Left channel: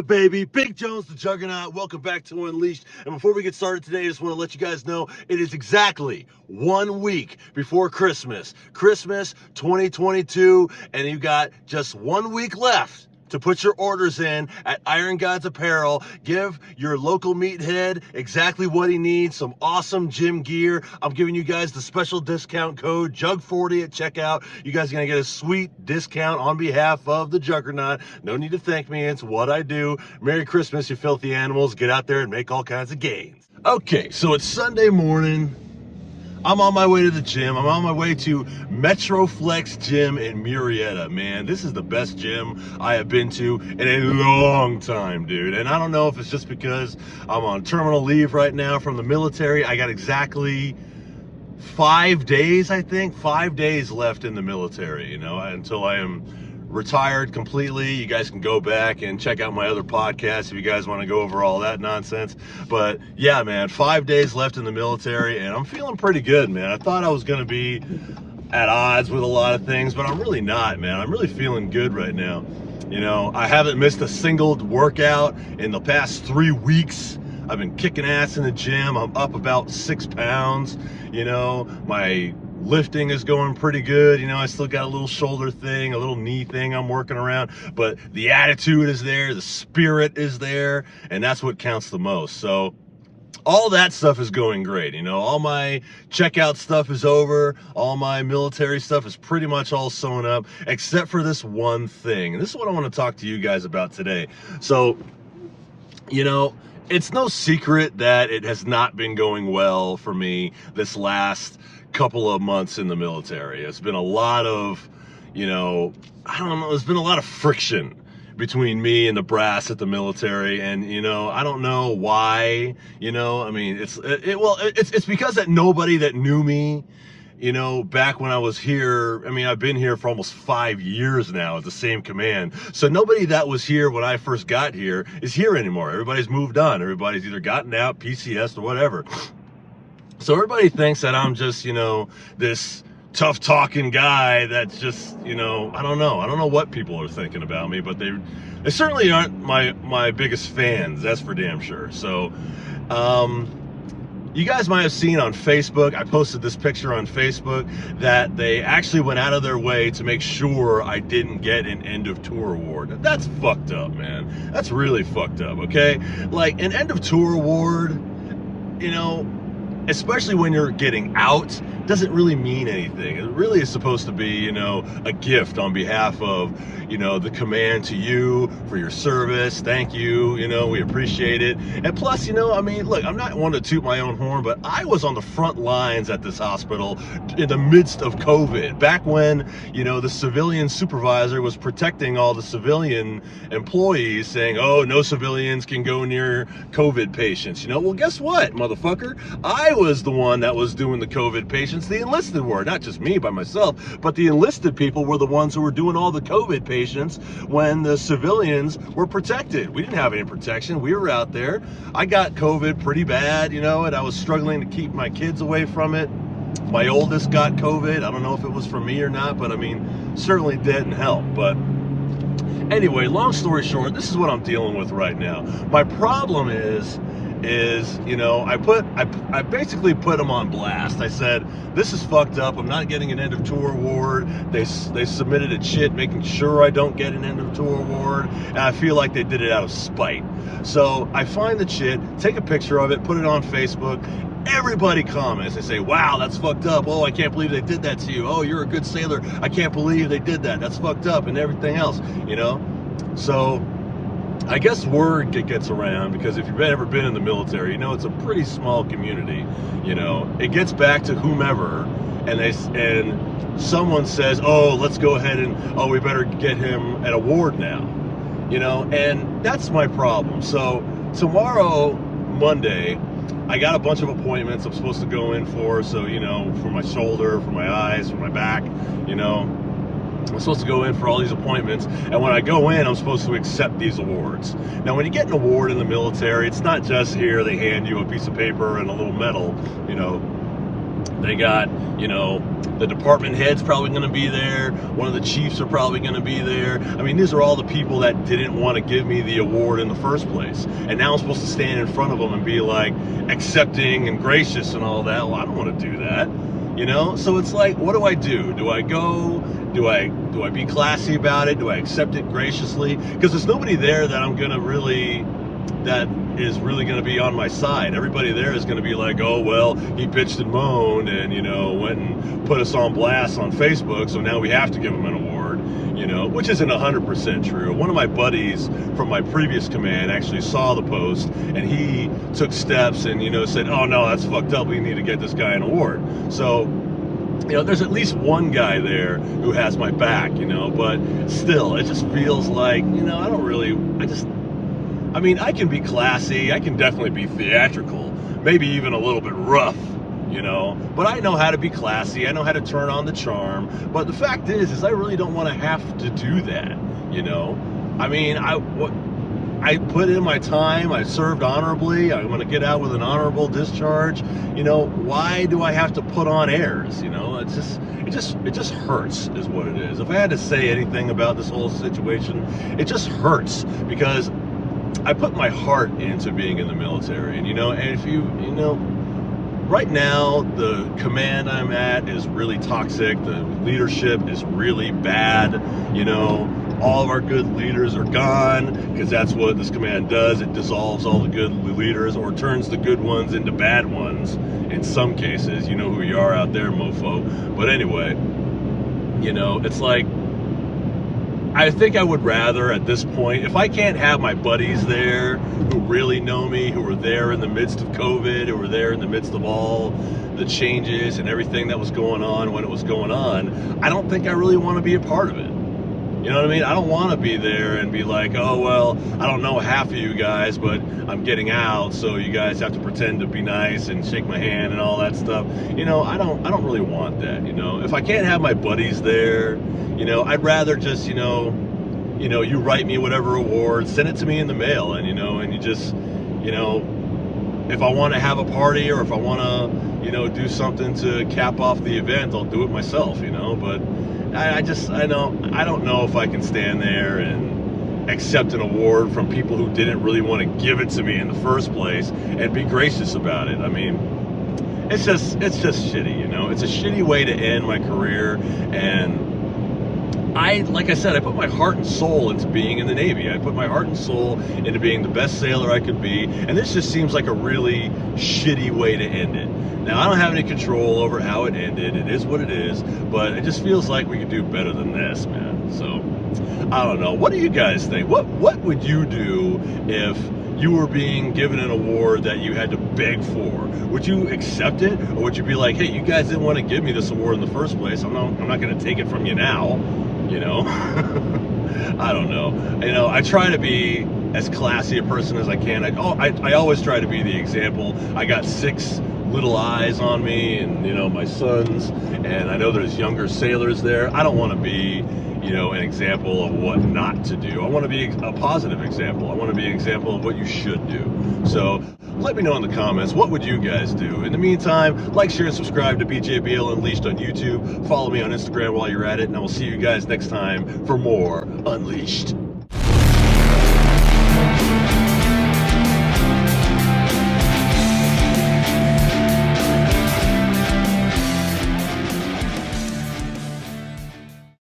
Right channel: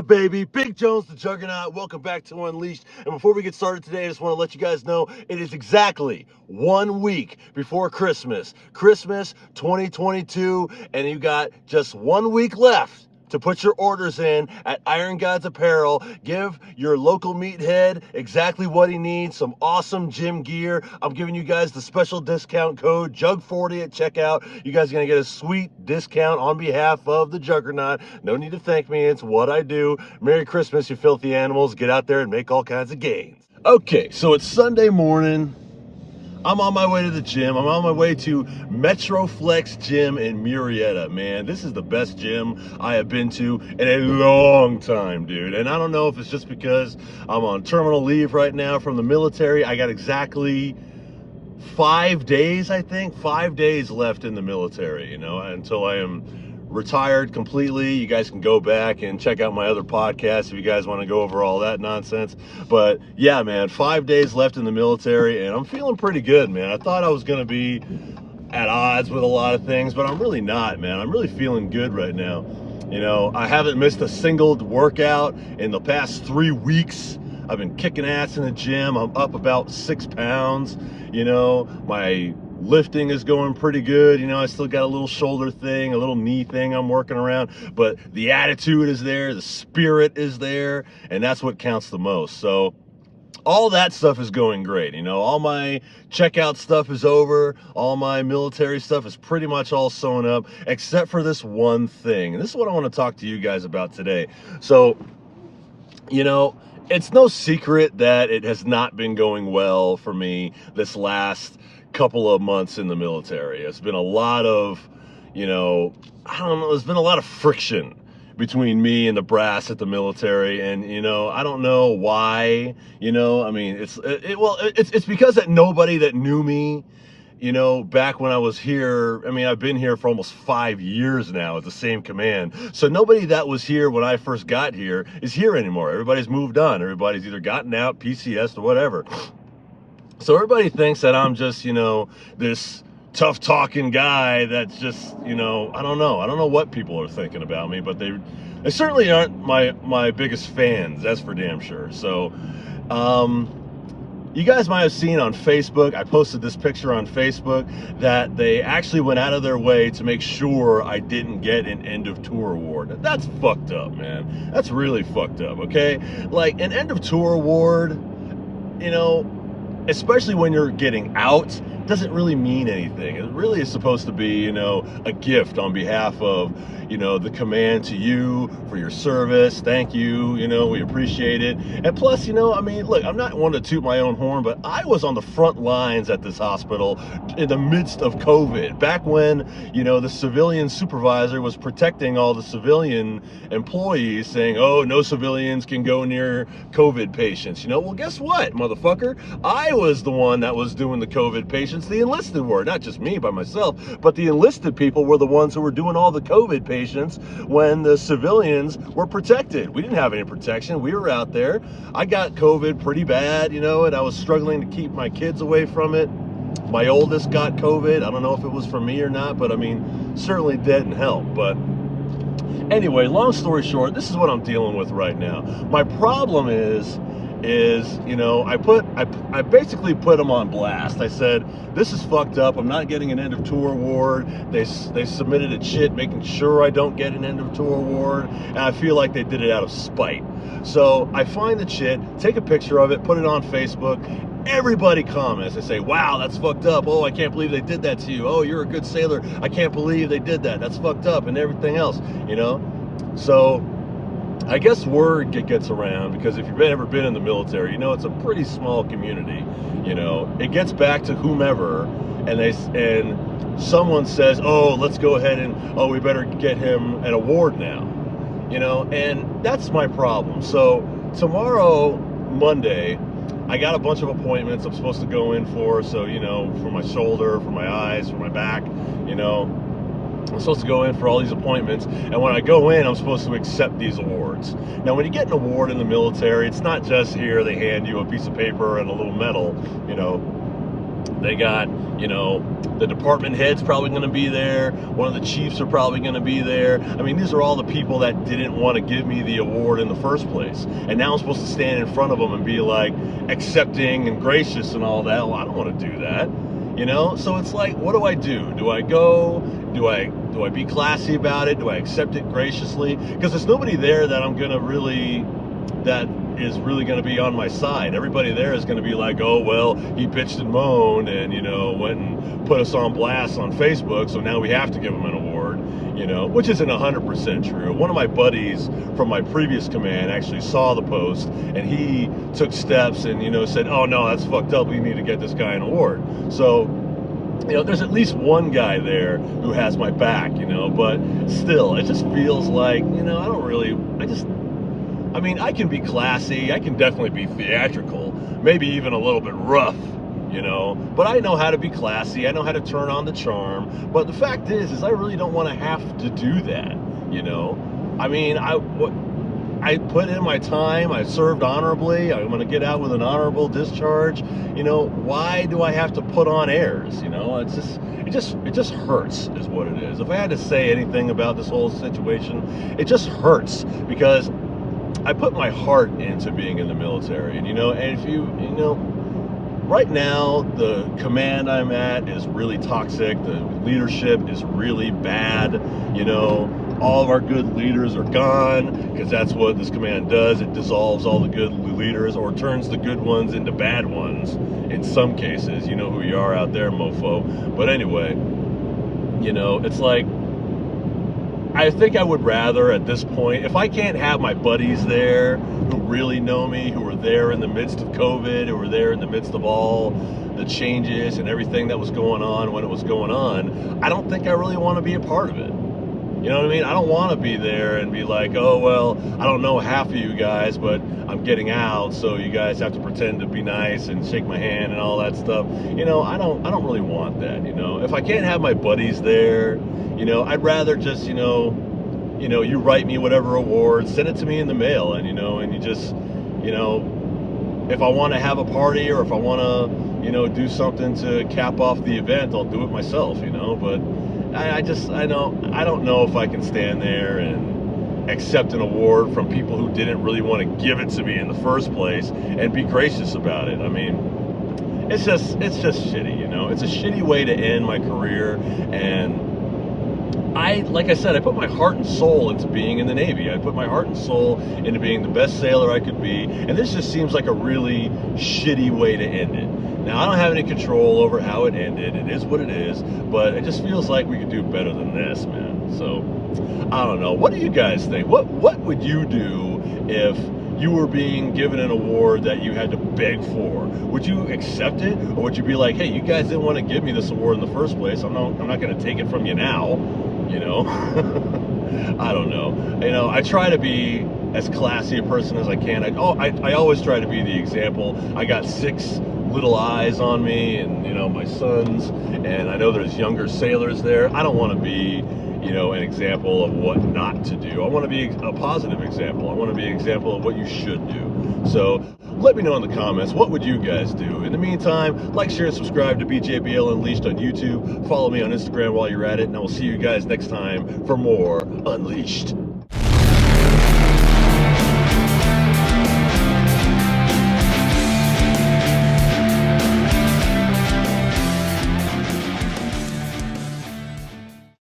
Yeah, baby. Big Jones, the Juggernaut. Welcome back to Unleashed. And before we get started today, I just want to let you guys know it is exactly 1 week before Christmas. Christmas 2022, and you got just 1 week left to put your orders in at Iron Gods Apparel. Give your local meathead exactly what he needs, some awesome gym gear. I'm giving you guys the special discount code JUG40 at checkout. You guys are gonna get a sweet discount on behalf of the Juggernaut. No need to thank me, it's what I do. Merry Christmas, you filthy animals. Get out there and make all kinds of gains. Okay, so it's Sunday morning. I'm on my way to the gym. I'm on my way to Metroflex Gym in Murrieta, man. This is the best gym I have been to in a long time, dude. And I don't know if it's just because I'm on terminal leave right now from the military. I got exactly 5 days, I think, 5 days left in the military, until I am retired completely. You guys can go back and check out my other podcasts if you guys want to go over all that nonsense. But yeah, man, 5 days left in the military, and I'm feeling pretty good, man. I thought I was going to be at odds with a lot of things, but I'm really not, man. I'm really feeling good right now. I haven't missed a single workout in the past 3 weeks. I've been kicking ass in the gym. I'm up about 6 pounds. My lifting is going pretty good. I still got a little shoulder thing, a little knee thing I'm working around, but the attitude is there, the spirit is there, and that's what counts the most. So all that stuff is going great. All my checkout stuff is over. All my military stuff is pretty much all sewn up, except for this one thing. And this is what I want to talk to you guys about today. So, it's no secret that it has not been going well for me this last couple of months in the military. It's been a lot of, there's been a lot of friction between me and the brass at the military, and I don't know why. It's because that nobody that knew me, back when I was here, I've been here for almost 5 years now at the same command. So nobody that was here when I first got here is here anymore. Everybody's moved on. Everybody's either gotten out, PCS, or whatever. So everybody thinks that I'm just, this tough talking guy that's just, I don't know. I don't know what people are thinking about me, but they certainly aren't my biggest fans. That's for damn sure. So, you guys might have seen on Facebook, I posted this picture on Facebook, that they actually went out of their way to make sure I didn't get an end of tour award. That's fucked up, man. That's really fucked up, okay? Like, an end of tour award, especially when you're getting out, doesn't really mean anything. It really is supposed to be, a gift on behalf of, the command to you for your service. Thank you. We appreciate it. And plus, look, I'm not one to toot my own horn, but I was on the front lines at this hospital in the midst of COVID, back when, the civilian supervisor was protecting all the civilian employees, saying, oh, no civilians can go near COVID patients. Well, guess what, motherfucker? I was the one that was doing the COVID patients. The enlisted were, not just me by myself, but the enlisted people were the ones who were doing all the COVID patients when the civilians were protected. We didn't have any protection. We were out there. I got COVID pretty bad, and I was struggling to keep my kids away from it. My oldest got COVID. I don't know if it was for me or not, but certainly didn't help. But anyway, long story short, this is what I'm dealing with right now. My problem is I basically put them on blast. I said, this is fucked up. I'm not getting an end of tour award. They submitted a chit making sure I don't get an end of tour award, and I feel like they did it out of spite. So I find the chit, take a picture of it, put it on Facebook. Everybody comments. They say, wow, that's fucked up. Oh, I can't believe they did that to you. Oh, you're a good sailor. I can't believe they did that. That's fucked up, and everything else, So I guess word gets around, because if you've ever been in the military, it's a pretty small community. It gets back to whomever, and someone says, oh, let's go ahead and, we better get him an award now. And that's my problem. So tomorrow, Monday, I got a bunch of appointments I'm supposed to go in for. So, for my shoulder, for my eyes, for my back, I'm supposed to go in for all these appointments, and when I go in, I'm supposed to accept these awards. Now, when you get an award in the military, it's not just here, they hand you a piece of paper and a little medal, They got, you know, the department head's probably going to be there. One of the chiefs are probably going to be there. I mean, these are all the people that didn't want to give me the award in the first place. And now I'm supposed to stand in front of them and be like accepting and gracious and all that. Well, I don't want to do that, you know? So it's like, what do I do? Do I go? Do I be classy about it? Do I accept it graciously? Because there's nobody there that I'm going to really, that is really going to be on my side. Everybody there is going to be like, oh, well, he bitched and moaned and, you know, went and put us on blast on Facebook, so now we have to give him an award, you know, which isn't 100% true. One of my buddies from my previous command actually saw the post, and he took steps and, you know, said, oh, no, that's fucked up. We need to get this guy an award. So, you know, there's at least one guy there who has my back, you know, but still, it just feels like, you know, I mean, I can be classy, I can definitely be theatrical, maybe even a little bit rough, you know, but I know how to be classy, I know how to turn on the charm, but the fact is I really don't want to have to do that, you know. I mean, I put in my time, I served honorably, I'm going to get out with an honorable discharge, you know. Why do I have to put on airs, you know? It just hurts is what it is. If I had to say anything about this whole situation, it just hurts because I put my heart into being in the military, and, you know, and if you know, right now the command I'm at is really toxic, the leadership is really bad, you know. All of our good leaders are gone, because that's what this command does. It dissolves all the good leaders, or turns the good ones into bad ones in some cases. You know who you are out there, mofo. But anyway, you know, it's like, I think I would rather at this point, if I can't have my buddies there who really know me, who were there in the midst of COVID, who were there in the midst of all the changes and everything that was going on when it was going on, I don't think I really want to be a part of it. You know what I mean? I don't want to be there and be like, oh, well, I don't know half of you guys, but I'm getting out, so you guys have to pretend to be nice and shake my hand and all that stuff. You know, I don't really want that, you know. If I can't have my buddies there, you know, I'd rather just, you know, you write me whatever award, send it to me in the mail, and, you know, and you just, you know, if I want to have a party or if I want to, you know, do something to cap off the event, I'll do it myself, you know. But I don't know if I can stand there and accept an award from people who didn't really want to give it to me in the first place and be gracious about it. I mean, it's just shitty, you know. It's a shitty way to end my career, and like I said, I put my heart and soul into being in the Navy. I put my heart and soul into being the best sailor I could be, and this just seems like a really shitty way to end it. Now, I don't have any control over how it ended. It is what it is, but it just feels like we could do better than this, man. So, I don't know. What do you guys think? What would you do if you were being given an award that you had to beg for? Would you accept it, or would you be like, hey, you guys didn't want to give me this award in the first place, I'm not going to take it from you now, you know? I don't know. You know, I try to be as classy a person as I can. I always try to be the example. I got 6 little eyes on me, and, you know, my sons, and I know there's younger sailors there. I don't want to be, you know, an example of what not to do. I want to be a positive example. I want to be an example of what you should do. So let me know in the comments, what would you guys do? In the meantime, like, share, and subscribe to BJBL Unleashed on YouTube. Follow me on Instagram while you're at it, and I will see you guys next time for more Unleashed.